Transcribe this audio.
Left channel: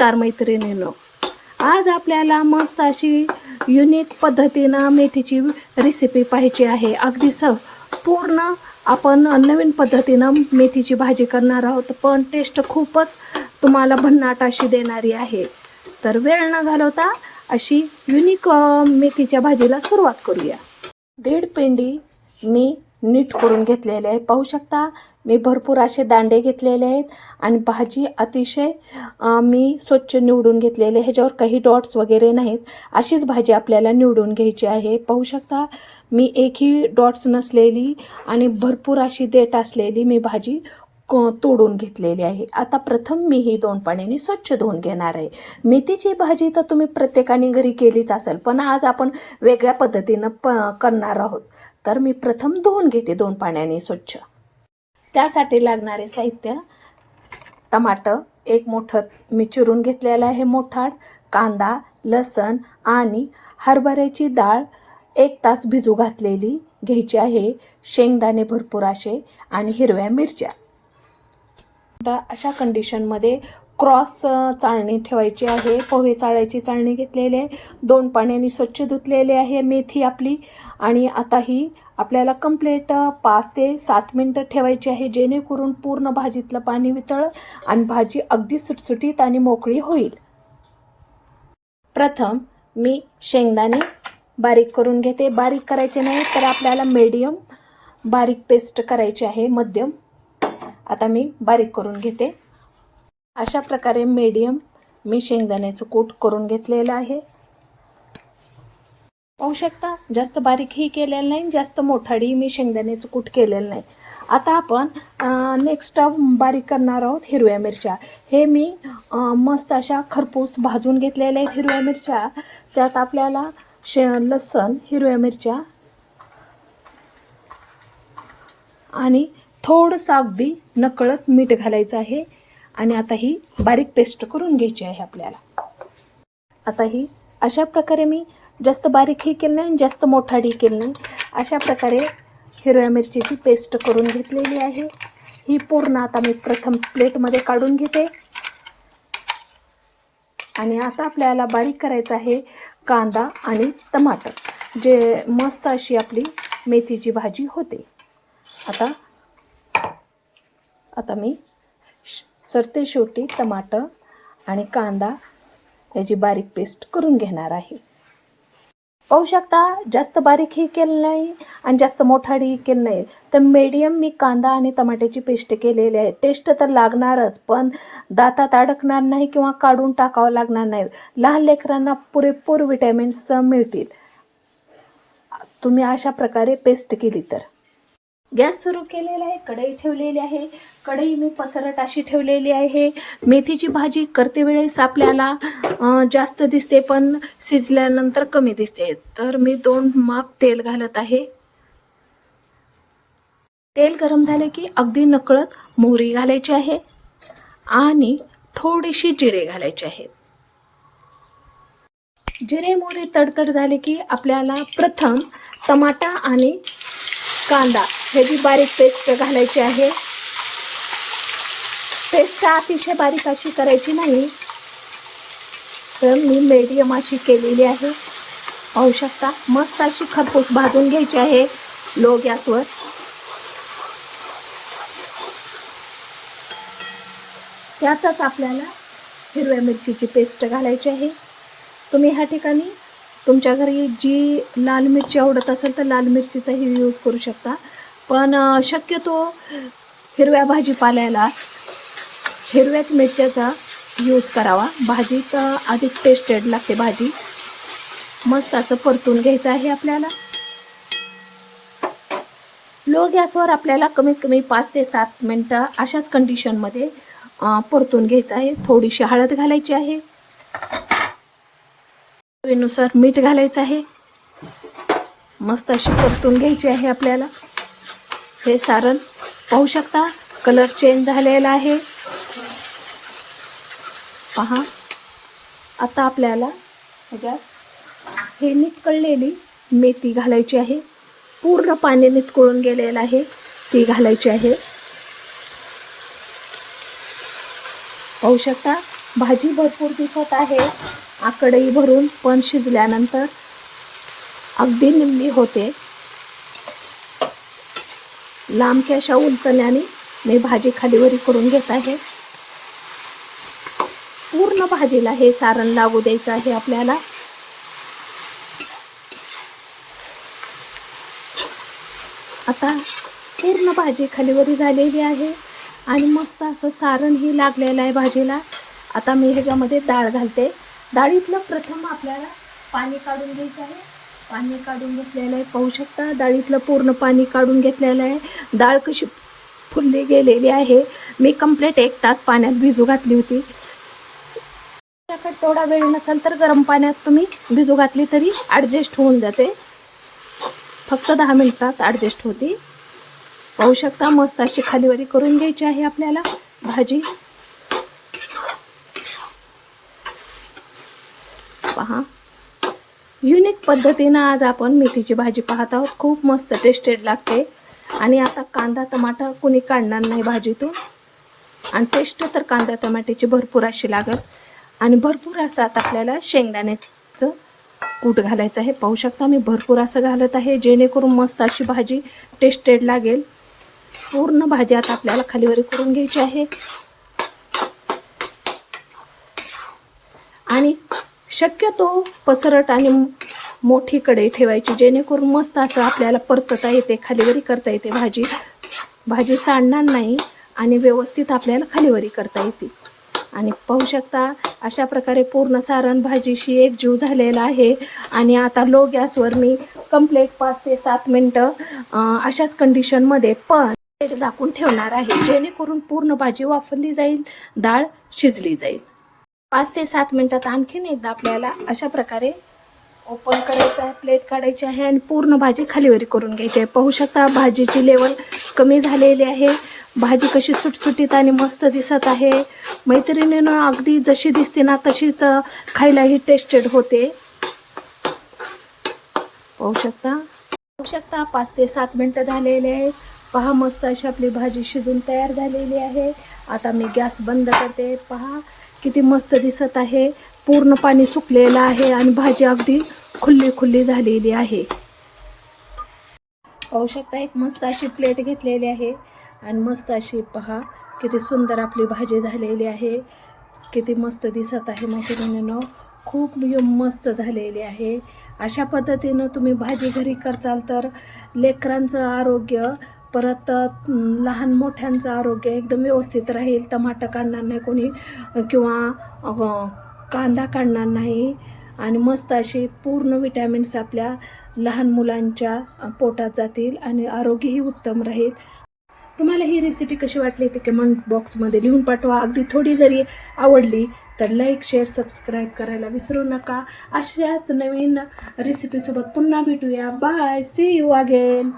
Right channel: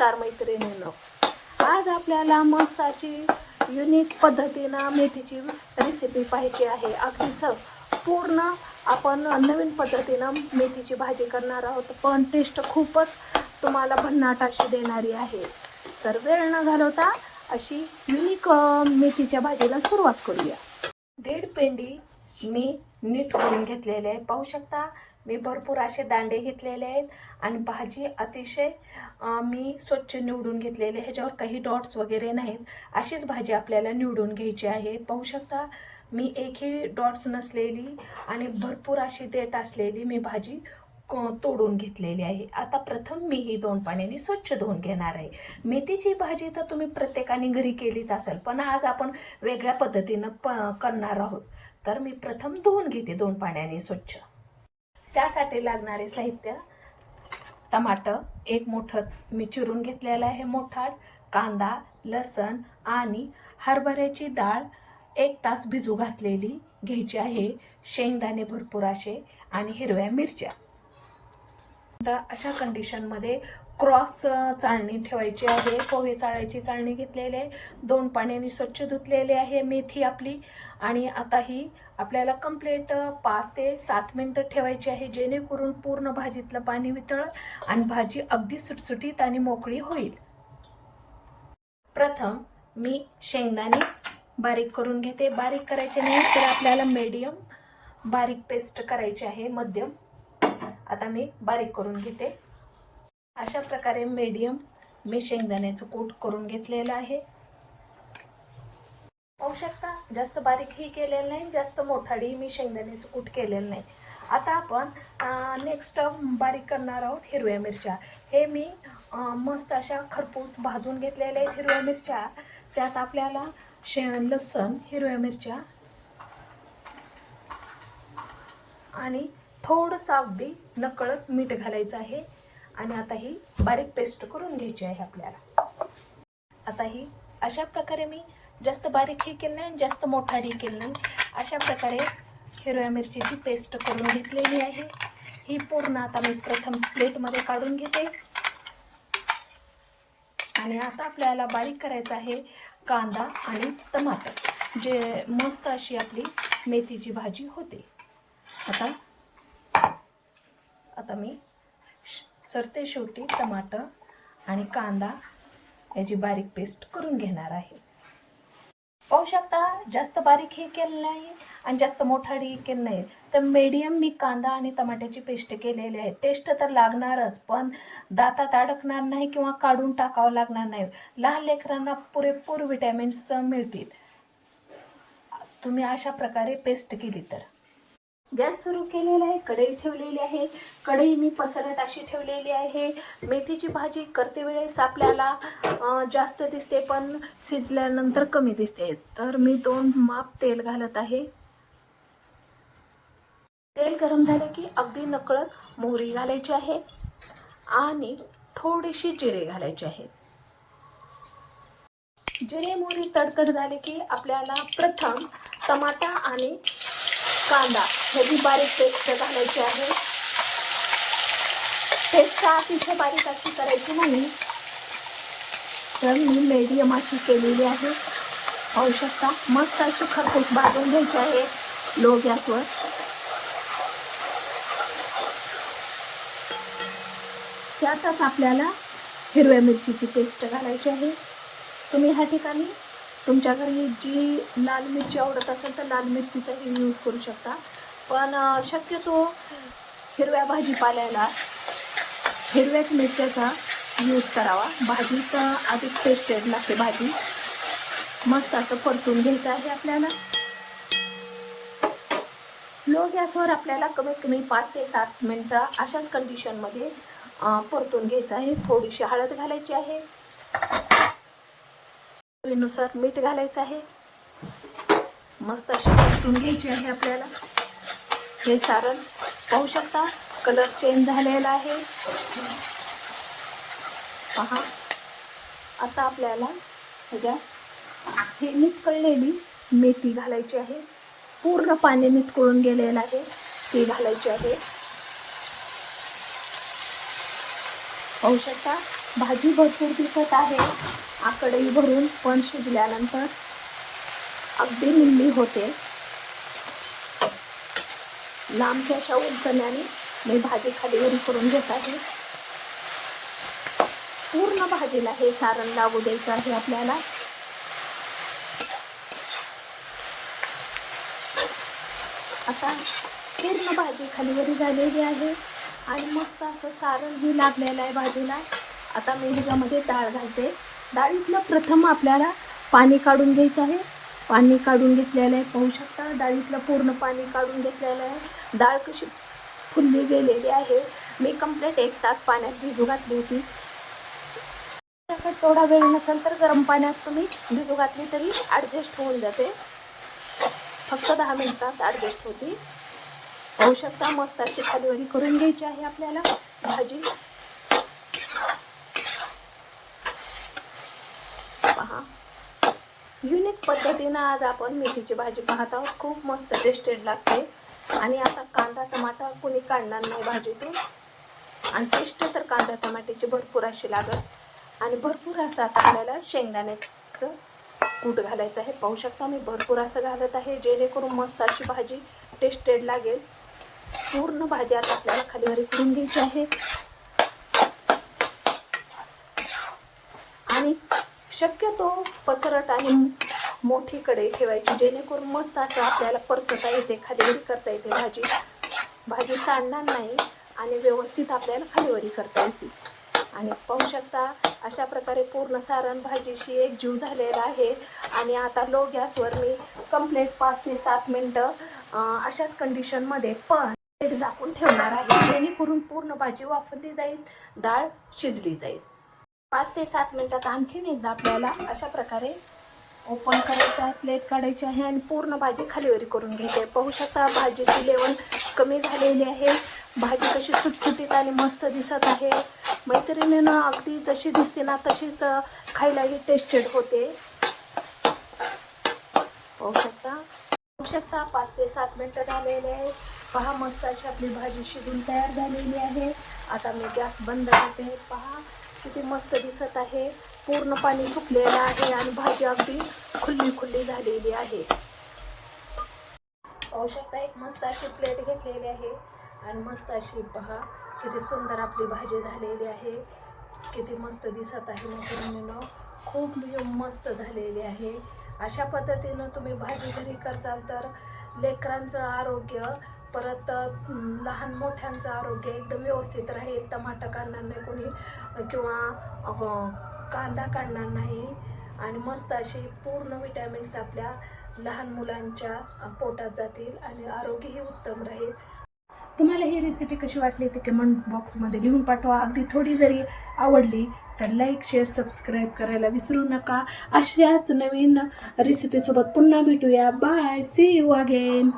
नमस्कार मैत्रिणींनो, आज आपल्याला मस्त अशी युनिक पद्धतीनं मेथीची रेसिपी पाहिजे आहे। अगदी पूर्ण आपण नवीन पद्धतीनं मेथीची भाजी करणार आहोत, पण टेस्ट खूपच तुम्हाला भन्नाट अशी देणारी आहे। तर वेळ न घालवता अशी युनिक मेथीच्या भाजीला सुरुवात करूया। 1.5 पेंडी मी नीट करून घेतलेले आहे। पाहू शकता मी भरपूर असे दांडे घेतलेले आहेत आणि भाजी अतिशय मी स्वच्छ निवडून घेतलेले। ह्याच्यावर काही डॉट्स वगैरे नाहीत, अशीच भाजी आपल्याला निवडून घ्यायची आहे। पाहू शकता मी एकही डॉट्स नसलेली आणि भरपूर अशी देठ असलेली मी भाजी तोडून घेतलेली आहे। आता प्रथम मी ही 2 पाण्याने स्वच्छ धुवून घेणार आहे। मेथीची भाजी तर तुम्ही प्रत्येकाने घरी केलीच असेल, पण आज आपण वेगळ्या पद्धतीनं करणार आहोत। तर मी प्रथम धुवून घेते 2 पाण्याने स्वच्छ। त्यासाठी लागणारे साहित्य: टमाटर 1 मोठं मी चिरून घेतलेलं आहे मोठाड, कांदा, लसण आणि हरभऱ्याची डाळ 1 तास भिजू घातलेली घ्यायची आहे, शेंगदाणे भरपूर असे आणि हिरव्या मिरच्या। तर अशा कंडिशनमध्ये क्रॉस चाळणी ठेवायची आहे। पोहे चाळायची चाळणी घेतलेली आहे, 2 पाण्याने स्वच्छ धुतलेले आहे मेथी आपली। आणि आता ही आपल्याला कंप्लीट 5 ते 7 मिनिटं ठेवायची आहे, जेणेकरून पूर्ण भाजीतलं पाणी वितळ आणि भाजी अगदी सुटसुटीत आणि मोकळी होईल। प्रथम मी शेंगदाणे बारीक करून घेते। बारीक करायचे नाही तर आपल्याला मीडियम बारीक पेस्ट करायची आहे, मध्यम। आता मी बारीक करून घेते। अशा प्रकारे मीडियम मी शेंगदाण्याचं कूट करून घेतलेलं आहे। पाहू शकता जास्त बारीकही केलेलं नाही, जास्त मोठाडी मी शेंगदाण्याचं कूट केलेलं नाही। आता आपण नेक्स्ट बारीक करणार आहोत हिरव्या मिरच्या। हे मी मस्त अशा खरपूस भाजून घेतलेल्या आहेत हिरव्या मिरच्या। त्यात आपल्याला लसण, हिरव्या मिरच्या आणि थोडंसं अगदी नकळत मीठ घालायचं आहे। आणि आता ही बारीक पेस्ट करून घ्यायची आहे आपल्याला। आता ही अशा प्रकारे मी जास्त बारीकही केलं नाही, जास्त मोठाडी केलं नाही, अशा प्रकारे हिरव्या मिरचीची पेस्ट करून घेतलेली आहे। ही पूर्ण आता मी प्रथम प्लेटमध्ये काढून घेते। आणि आता आपल्याला बारीक करायचं आहे कांदा आणि टमाटर, जे मस्त अशी आपली मेथीची भाजी होते। आता मी सरते शेवटी टमाटर आणि कांदा याची बारीक पेस्ट करून घेणार आहे। पाहू शकता जास्त बारीकही केलं नाही आणि जास्त मोठाडी केलं नाही, तर मीडियम मी कांदा आणि टमाट्याची पेस्ट केलेली आहे। टेस्ट तर लागणारच, पण दातात अडकणार नाही किंवा काढून टाकावं लागणार नाही। लहान लेकरांना पुरेपूर विटॅमिन्स मिळतील तुम्ही अशा प्रकारे पेस्ट केली तर। गॅस सुरू केलेला आहे, कढई ठेवलेली आहे। कढई मी पसरट अशी ठेवलेली आहे। मेथीची भाजी करते वेळेस आपल्याला जास्त दिसते, पण शिजल्यानंतर कमी दिसते। तर मी 2 माप तेल घालत आहे। तेल गरम झाले की अगदी नकळत मोहरी घालायची आहे आणि थोडीशी जिरे घालायचे आहे। जिरे मोहरी तडतड झाले की आपल्याला प्रथम टमाटा आणि कांदा ह्याची बारीक पेस्ट घालायची आहे। पेस्ट अतिशय बारीक अशी करायची नाही, तर मी मीडियम अशी केलेली आहे। पाहू शकता मस्त अशी खरपूस भाजून घ्यायची आहे लो गॅसवर। त्यातच आपल्याला हिरव्या मिरचीची पेस्ट घालायची आहे। तुम्ही ह्या ठिकाणी तुमच्या घरी जी लाल मिरची आवडत असेल तर लाल मिरचीचाही यूज करू शकता, पण शक्यतो हिरव्या भाजीपाल्याला हिरव्याच मिरच्याचा यूज करावा। भाजी तर अधिक टेस्टेड लागते भाजी। मस्त असं परतून घ्यायचं आहे आपल्याला। लो गॅसवर आपल्याला कमीत कमी 5 ते 7 मिनिटं अशाच कंडिशनमध्ये परतून घ्यायचं आहे। थोडीशी हळद घालायची आहे, चवीनुसार मीठ घालायचं आहे। मस्त अशी परतून घ्यायची आहे आपल्याला हे सारण। पाहू शकता कलर चेंज झालेला आहे, पहा। आता आपल्याला हे नितळलेली मेथी घालायची आहे, पूर्ण पाणी नितळून गेलेलं आहे ती घालायची आहे। पाहू शकता भाजी भरपूर दिसत आहे कढई भरून, पण शिजल्यानंतर अगदी निम्मी होते. लांबक्या अशा उलटण्याने मी भाजी खालीवरी करून घेत आहे. पूर्ण भाजीला हे सारण लागू द्यायचं आहे आपल्याला. आता पूर्ण भाजी खालीवरी झालेली आहे आणि मस्त असं सारणही लागलेलं आहे भाजीला. आता मी ह्याच्यामध्ये डाळ घालते. डाळीतलं प्रथम आपल्याला पाणी काढून घ्यायचं आहे. पाणी काढून घेतलेलं आहे, पाहू शकता. डाळीतलं पूर्ण पाणी काढून घेतलेलं आहे. डाळ कशी फुलली गेलेली आहे. मी कंप्लीट 1 तास पाण्यात भिजू घातली होती. थोडा वेळ नसेल तर गरम पाण्यात तुम्ही भिजू घातली तरी ॲडजस्ट होऊन जाते. फक्त 10 मिनिटात ॲडजस्ट होती. पाहू शकता मस्त अशी खालीवरी करून घ्यायची आहे आपल्याला भाजी. पहा, युनिक पद्धतीनं आज आपण मेथीची भाजी पाहत आहोत. खूप मस्त टेस्टेड लागते. आणि आता कांदा टमाटा कोणी काढणार नाही भाजीतून. आणि टेस्ट तर कांदा टमाट्याची भरपूर अशी लागत. आणि भरपूर असं आता आपल्याला शेंगदाण्याचं कूट घालायचं आहे. पाहू शकता मी भरपूर असं घालत आहे, जेणेकरून मस्त अशी भाजी टेस्टेड लागेल. पूर्ण भाजी आता आपल्याला खालीवरी करून घ्यायची आहे. आणि शक्यतो पसरट आणि मोठी कढई ठेवायची, जेणेकरून मस्त असं आपल्याला परतता येते, खालीवरी करता येते. भाजी सांडणार नाही आणि व्यवस्थित आपल्याला खालीवरी करता येते. आणि पाहू शकता अशा प्रकारे पूर्ण सारण भाजीशी एकजीव झालेला आहे. आणि आता लो गॅसवर मी कंप्लीट 5 ते 7 मिनटं अशाच कंडिशनमध्ये पण प्लेट झाकून ठेवणार आहे, जेणेकरून पूर्ण भाजी वाफरली जाईल, डाळ शिजली जाईल. 5 ते 7 मिनटात आणखीन एकदा आपल्याला अशा प्रकारे ओपन करायचं आहे, प्लेट काढायची आहे आणि पूर्ण भाजी खालीवरी करून घ्यायची आहे. पाहू शकता भाजीची लेवल कमी झालेली आहे. भाजी कशी सुटसुटीत आणि मस्त दिसत आहे. मैत्रिणीनं अगदी जशी दिसते ना तशीच खायलाही टेस्टेड होते. पाहू शकता 5 ते 7 मिनटं झालेले आहे. पहा मस्त अशी आपली भाजी शिजून तयार झालेली आहे. आता मी गॅस बंद करते. पहा किती मस्त दिसत आहे. पूर्ण पाणी सुकलेलं आहे आणि भाजी अगदी खुल्ली झालेली आहे. पाहू शकता एक मस्त अशी प्लेट घेतलेली आहे आणि मस्त अशी पहा किती सुंदर आपली भाजी झालेली आहे. किती मस्त दिसत आहे मैत्रिणींनो, खूप मस्त झालेली आहे. अशा पद्धतीनं तुम्ही भाजी घरी करचाल तर लेकरांचं आरोग्य, परत लहान मोठ्यांचं आरोग्य एकदम व्यवस्थित राहील. टमाटर काढणार नाही कोणी किंवा कांदा काढणार नाही. आणि मस्त अशी पूर्ण विटॅमिन्स आपल्या लहान मुलांच्या पोटात जातील आणि आरोग्यही उत्तम राहील. तुम्हाला ही रेसिपी कशी वाटली ते कमेंट बॉक्समध्ये लिहून पाठवा. अगदी थोडी जरी आवडली तर लाईक शेअर सबस्क्राईब करायला विसरू नका. अशाच नवीन रेसिपीसोबत पुन्हा भेटूया. Bye, see you again.